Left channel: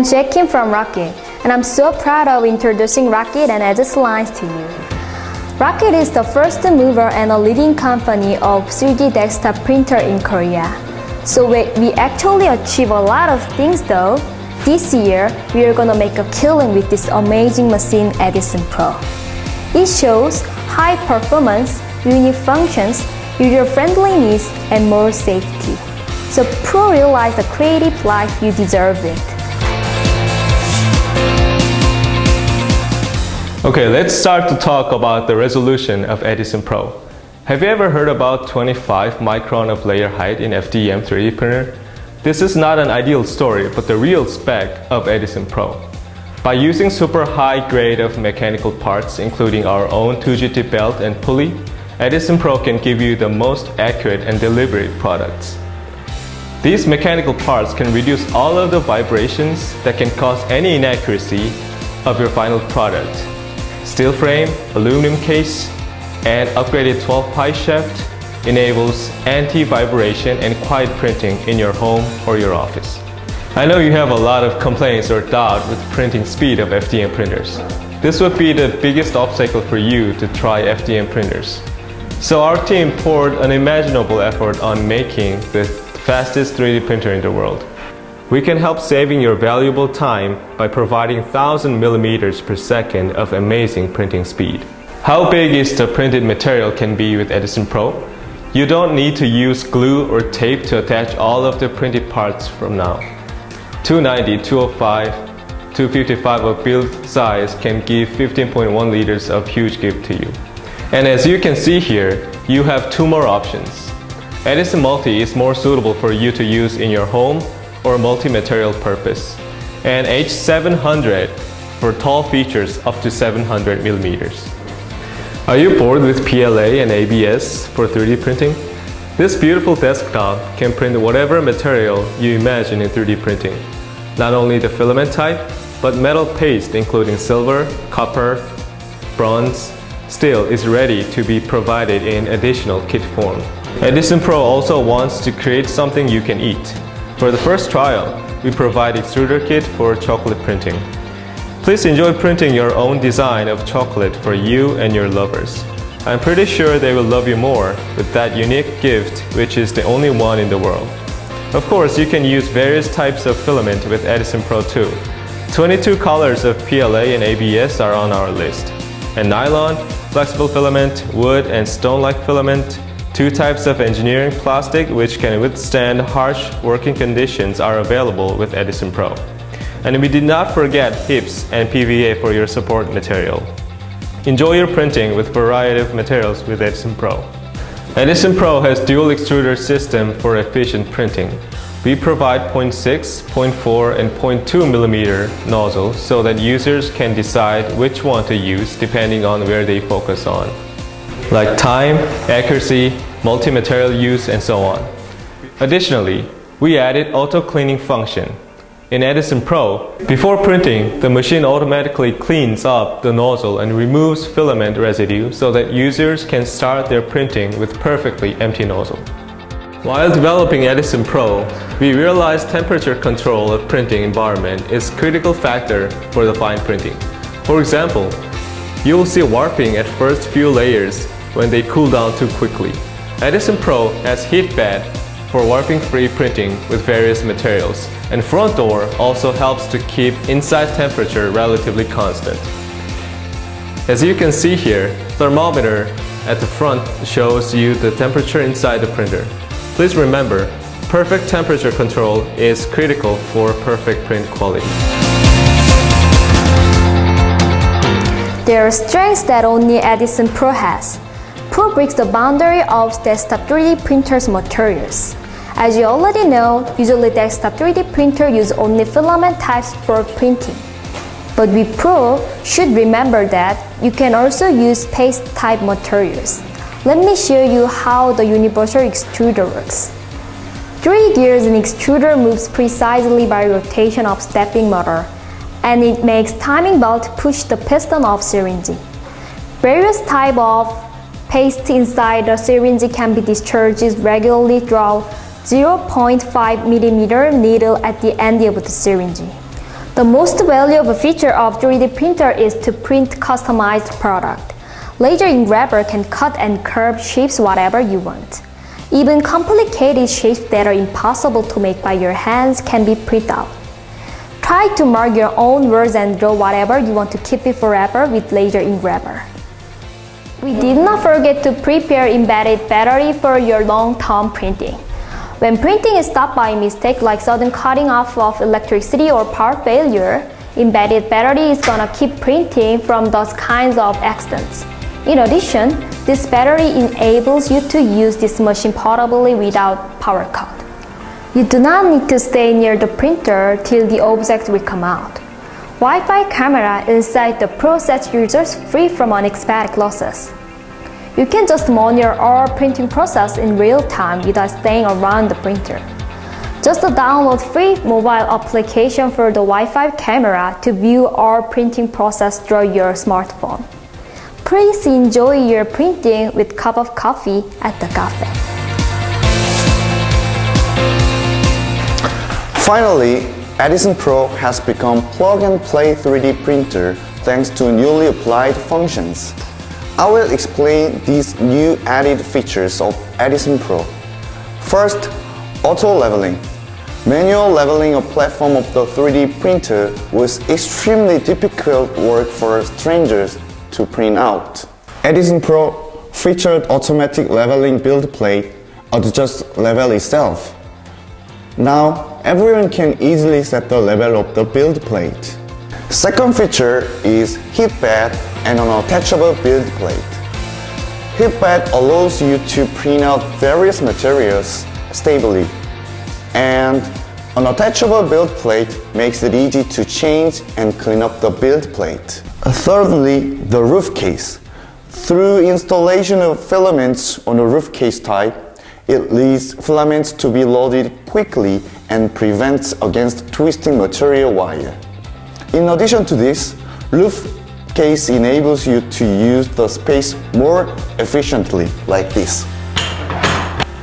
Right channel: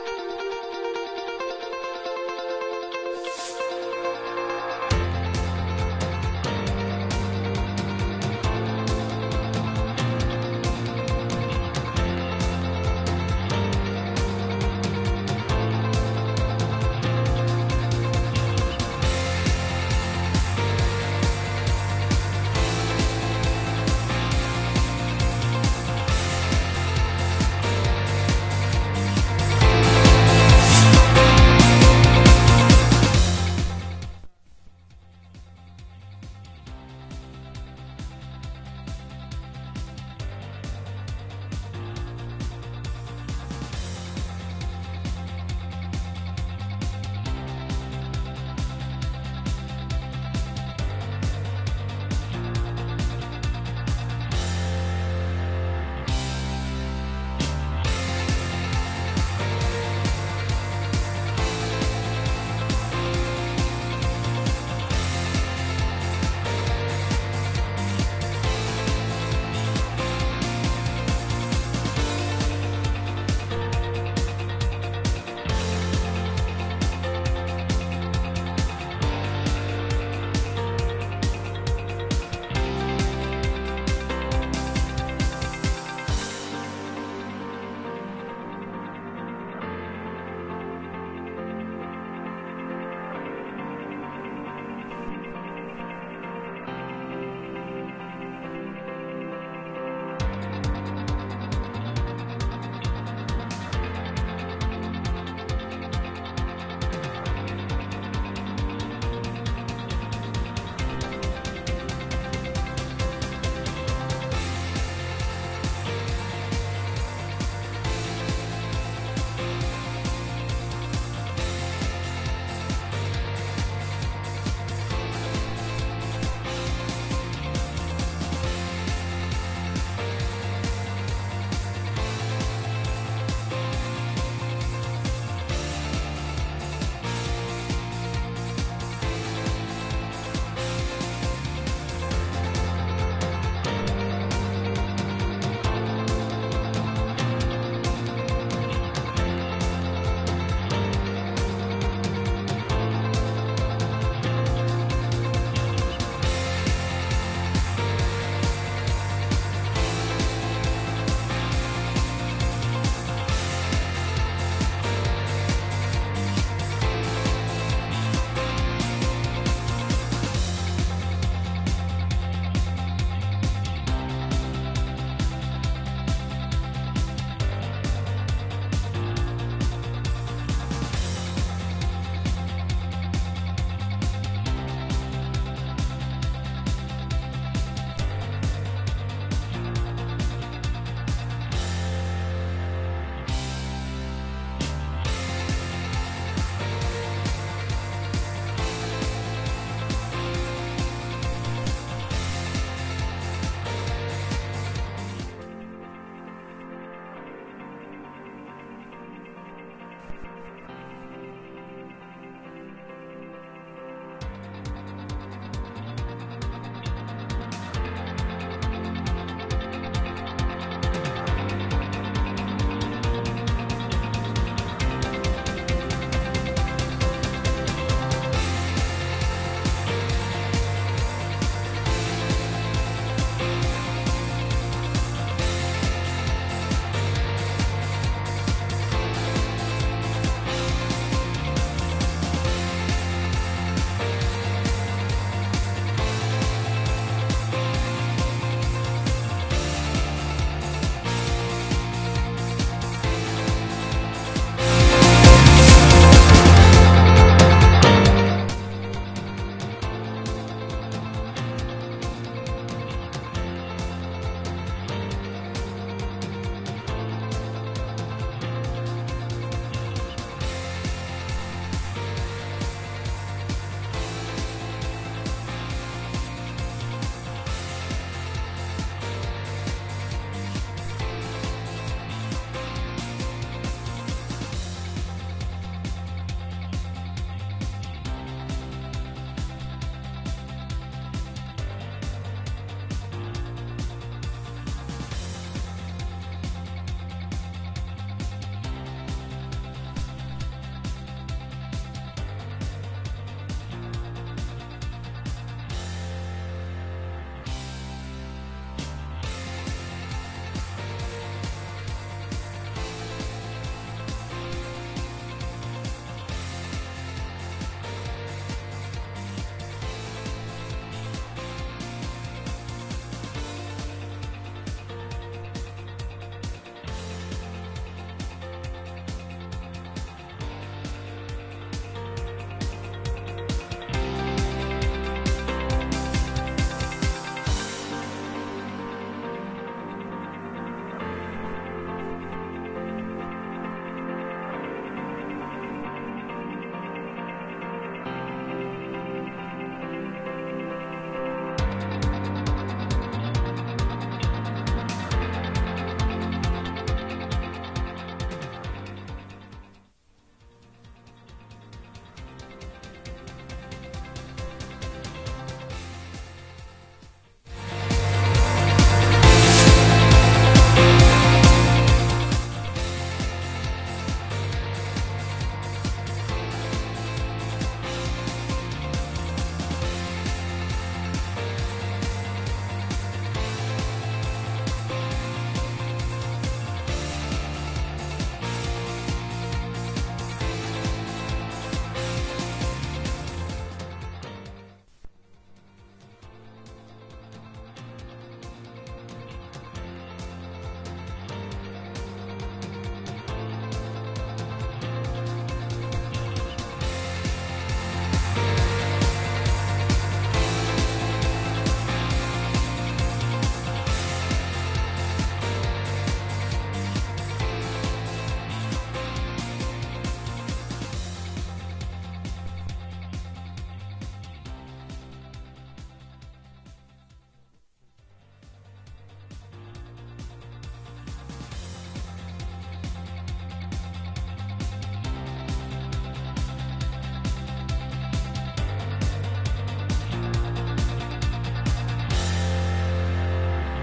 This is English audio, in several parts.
I'm Jae-Kim from Rocket, and I'm so proud of introducing Rocket and Edge's lines to you. Rocket is the first mover and a leading company of 3D desktop printer in Korea. So we actually achieve a lot of things though. This year, we are gonna make a killing with this amazing machine Edison Pro. It shows high performance, unique functions, user-friendliness, and more safety. So Pro realize the creative life you deserve it. Okay, let's start to talk about the resolution of Edison Pro. Have you ever heard about 25 micron of layer height in FDM 3D printer? This is not an ideal story, but the real spec of Edison Pro. By using super high grade of mechanical parts, including our own 2GT belt and pulley, Edison Pro can give you the most accurate and deliberate products. These mechanical parts can reduce all of the vibrations that can cause any inaccuracy of your final product. Steel frame, aluminum case, and upgraded 12-ply shaft enables anti-vibration and quiet printing in your home or your office. I know you have a lot of complaints or doubt with printing speed of FDM printers. This would be the biggest obstacle for you to try FDM printers. So our team poured unimaginable effort on making the fastest 3D printer in the world. We can help saving your valuable time by providing 1000 millimeters per second of amazing printing speed. How big is the printed material can be with Edison Pro? You don't need to use glue or tape to attach all of the printed parts from now. 290, 205, 255 of build size can give 15.1 liters of huge gift to you. And as you can see here, you have two more options. Edison Multi is more suitable for you to use in your home or multi-material purpose, and H700 for tall features up to 700 millimeters. Are you bored with PLA and ABS for 3D printing? This beautiful desktop can print whatever material you imagine in 3D printing. Not only the filament type, but metal paste including silver, copper, bronze, steel is ready to be provided in additional kit form. Edison Pro also wants to create something you can eat. For the first trial, we provide extruder kit for chocolate printing. Please enjoy printing your own design of chocolate for you and your lovers. I'm pretty sure they will love you more with that unique gift, which is the only one in the world. Of course, you can use various types of filament with Edison Pro too. 22 colors of PLA and ABS are on our list. And nylon, flexible filament, wood, and stone-like filament, 2 types of engineering plastic which can withstand harsh working conditions are available with Edison Pro. And we did not forget HIPS and PVA for your support material. Enjoy your printing with a variety of materials with Edison Pro. Edison Pro has dual extruder system for efficient printing. We provide 0.6, 0.4, and 0.2 millimeter nozzles so that users can decide which one to use depending on where they focus on, like time, accuracy, multi-material use, and so on. Additionally, we added auto-cleaning function. In Edison Pro, before printing, the machine automatically cleans up the nozzle and removes filament residue so that users can start their printing with perfectly empty nozzle. While developing Edison Pro, we realized temperature control of printing environment is a critical factor for the fine printing. For example, you will see warping at first few layers when they cool down too quickly. Edison Pro has heat bed for warping-free printing with various materials, and front door also helps to keep inside temperature relatively constant. As you can see here, thermometer at the front shows you the temperature inside the printer. Please remember, perfect temperature control is critical for perfect print quality. There are strengths that only Edison Pro has. Pro breaks the boundary of desktop 3D printers materials. As you already know, usually desktop 3D printer use only filament types for printing. But with Pro, should remember that you can also use paste type materials. Let me show you how the universal extruder works. 3 gears in extruder moves precisely by rotation of stepping motor, and it makes timing belt push the piston of syringe. Various type of paste inside the syringe can be discharged regularly through 0.5 mm needle at the end of the syringe. The most valuable feature of 3D printer is to print customized product. Laser engraver can cut and curve shapes whatever you want. Even complicated shapes that are impossible to make by your hands can be printed out. Try to mark your own words and draw whatever you want to keep it forever with laser engraver. We did not forget to prepare embedded battery for your long-term printing. When printing is stopped by mistake like sudden cutting off of electricity or power failure, embedded battery is gonna keep printing from those kinds of accidents. In addition, this battery enables you to use this machine portably without power cut. You do not need to stay near the printer till the object will come out. Wi-Fi camera inside the Pro sets users free from unexpected losses. You can just monitor our printing process in real time without staying around the printer. Just download free mobile application for the Wi-Fi camera to view our printing process through your smartphone. Please enjoy your printing with a cup of coffee at the cafe. Finally, Edison Pro has become plug-and-play 3D printer thanks to newly applied functions. I will explain these new added features of Edison Pro. First, auto leveling. Manual leveling a platform of the 3D printer was extremely difficult work for strangers to print out. Edison Pro featured automatic leveling build plate adjusts level itself. Now, everyone can easily set the level of the build plate. Second feature is heat bed and an attachable build plate. Heat bed allows you to print out various materials stably, and an attachable build plate makes it easy to change and clean up the build plate. Thirdly, the roof case. Through installation of filaments on the roof case type, it leads filaments to be loaded quickly and prevents against twisting material wire. In addition to this, roof case enables you to use the space more efficiently, like this.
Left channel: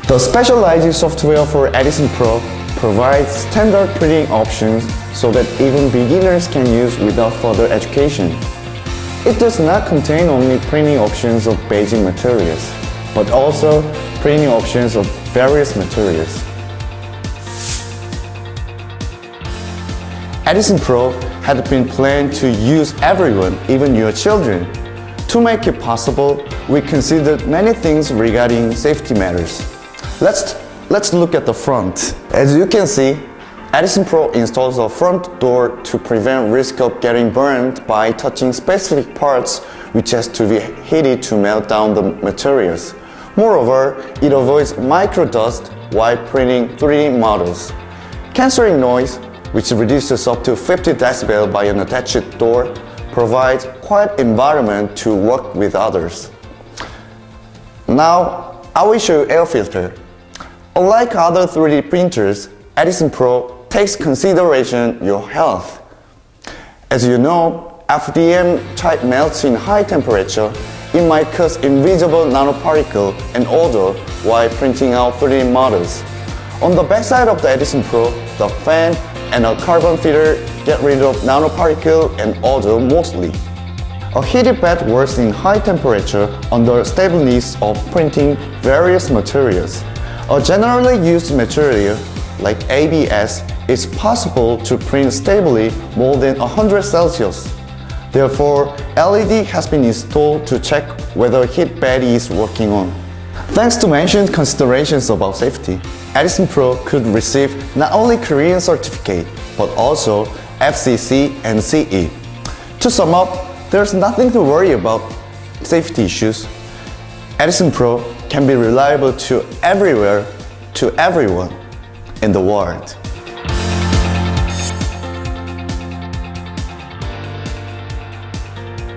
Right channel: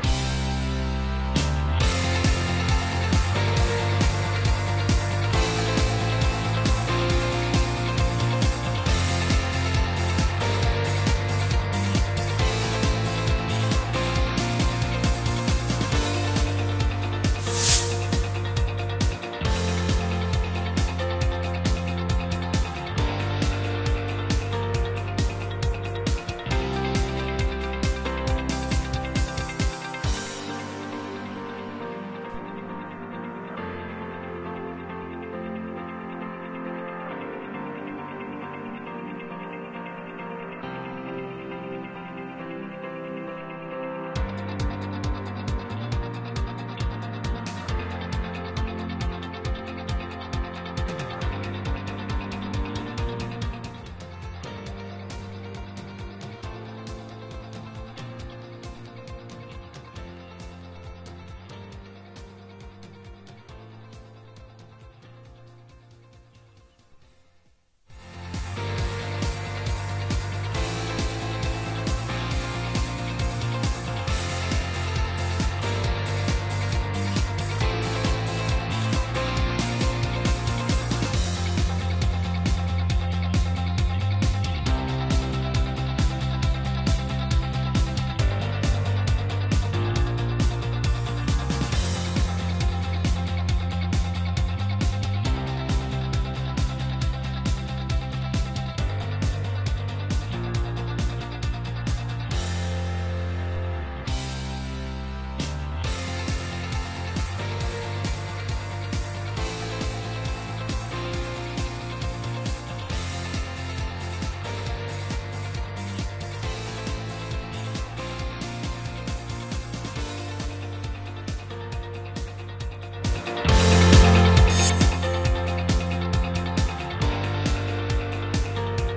The specialized software for Edison Pro provides standard printing options so that even beginners can use without further education. It does not contain only printing options of basic materials, but also printing options of various materials. Edison Pro had been planned to use everyone, even your children. To make it possible, we considered many things regarding safety matters. Let's look at the front. As you can see, Edison Pro installs a front door to prevent risk of getting burned by touching specific parts which has to be heated to melt down the materials. Moreover, it avoids microdust while printing 3D models. Cancelling noise, which reduces up to 50 decibel by an attached door, provides quiet environment to work with others. Now, I will show you air filter. Unlike other 3D printers, Edison Pro takes consideration your health. As you know, FDM type melts in high temperature. It might cause invisible nanoparticle and odor while printing out 3D models. On the backside of the Edison Pro, the fan and a carbon filter get rid of nanoparticle and odor mostly. A heated bed works in high temperature under stable needs of printing various materials. A generally used material like ABS is possible to print stably more than 100 Celsius. Therefore, LED has been installed to check whether heat bed is working on. Thanks to mentioned considerations about safety, Edison Pro could receive not only Korean certificate, but also FCC and CE. To sum up, there's nothing to worry about safety issues. Edison Pro can be reliable to everywhere, to everyone in the world.